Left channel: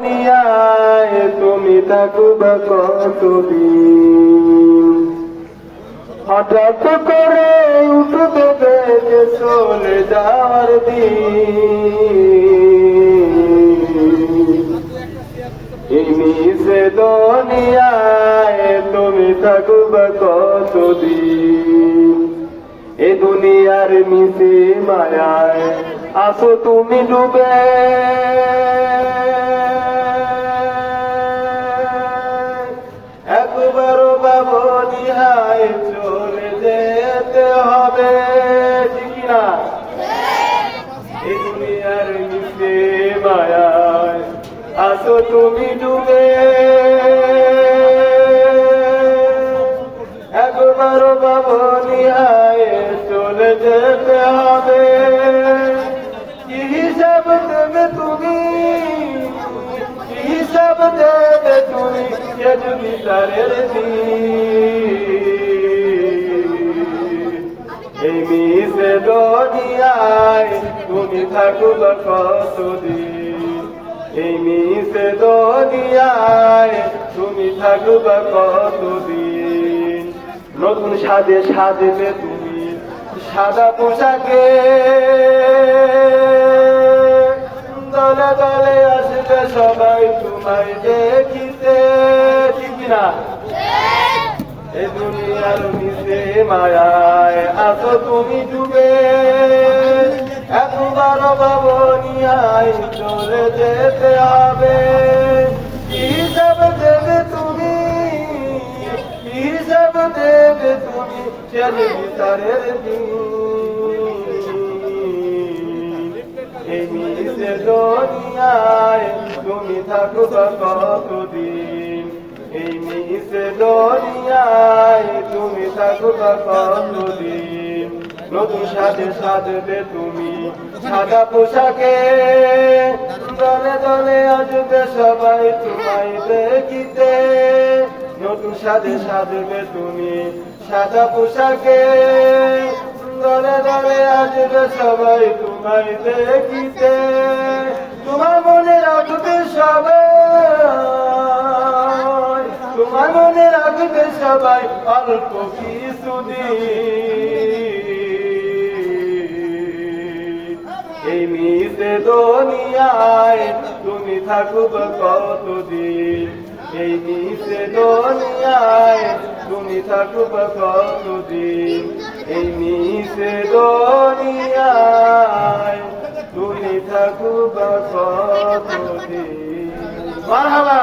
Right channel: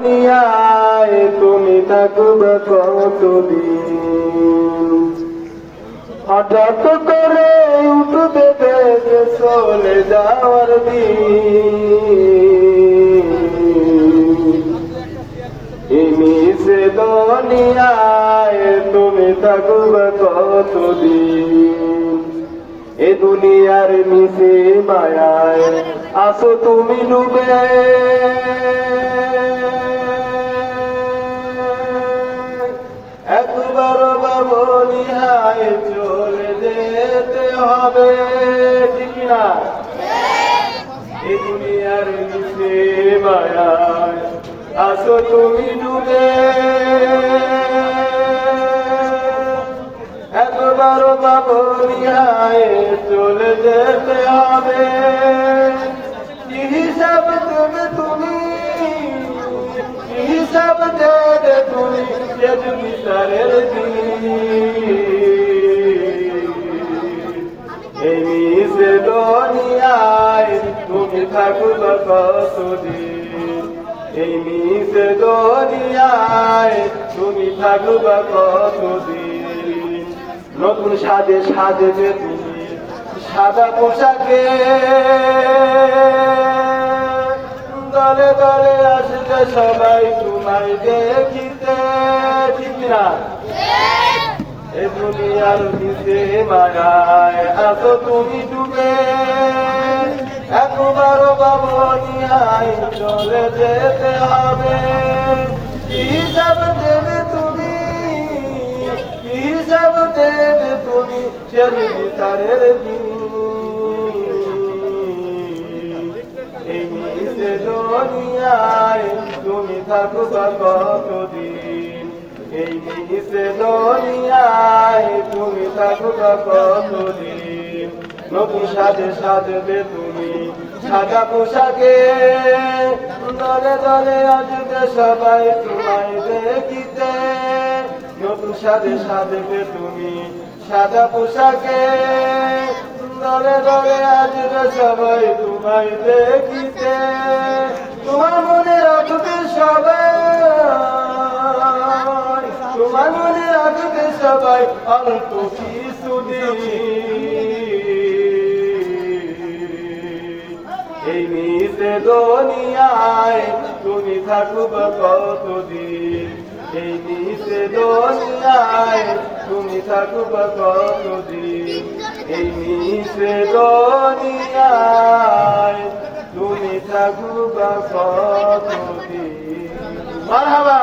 দুনিয়ায় তুমি থাকবে কতদিন, হঠাৎ করে উঠবে দেখে চলে যাওয়ার দিন। মিশে দুনিয়ায় তুমি থাকবে কতদিন, এ দুনিয়ার মিশে মায়ায় আসো তুমি ডুবে। একবার বাবনি হায় চলে যেতে হবে, ঠিক না? এ দুনিয়ার মিশে মায়ায় আসো তুমি ডুবে। একবার বাবনি হায় চলে যেতে হবে, কি হিসাব দেবে তুমি, কি হিসাব দেবে তুমি, বিচারের এই মিশে দুনিয়ায় তুমি থাকবে কতদিন, এই মিশে দুনিয়ায় তুমি থাকবে কতদিন। নতুন সাজে সাজবে তুমি সাদা পোশাকে, দলে দলে আসবে সবাই তোমায় দেখিতে, ঠিক না? এ দুনিয়ার মিশে মায়ায় আসো তুমি ডুবে। একবার বাবনিয়ায় চলে যেতে হবে, হিসাব দেবে তুমি, হিসাব দেবে তুমি, শেষ বিচারের দিন। এই মিশে দুনিয়ায় তুমি থাকবে কতদিন, এই মিশে দুনিয়ায় তুমি থাকবে কতদিন। নতুন সাজে সাজবে তুমি সাদা পোশাকে, দলে দলে আসবে সবাই তোমায় দেখিতে। নতুন সাজে সাজবে তুমি সাদা পোশাকে, দলে দলে আসবে সবাই তোমায় দেখিতে। তোমার মনে রাখবে সবাই, তোমার মনে রাখবে সবাই অল্প কিছুদিন। এই মিশে দুনিয়ায় তুমি থাকবে কতদিন, এই মিশে দুনিয়ায় তুমি থাকবে কতদিন, এই মিশে দুনিয়ায় তুমি থাকবে কতদিন। মারহাবা।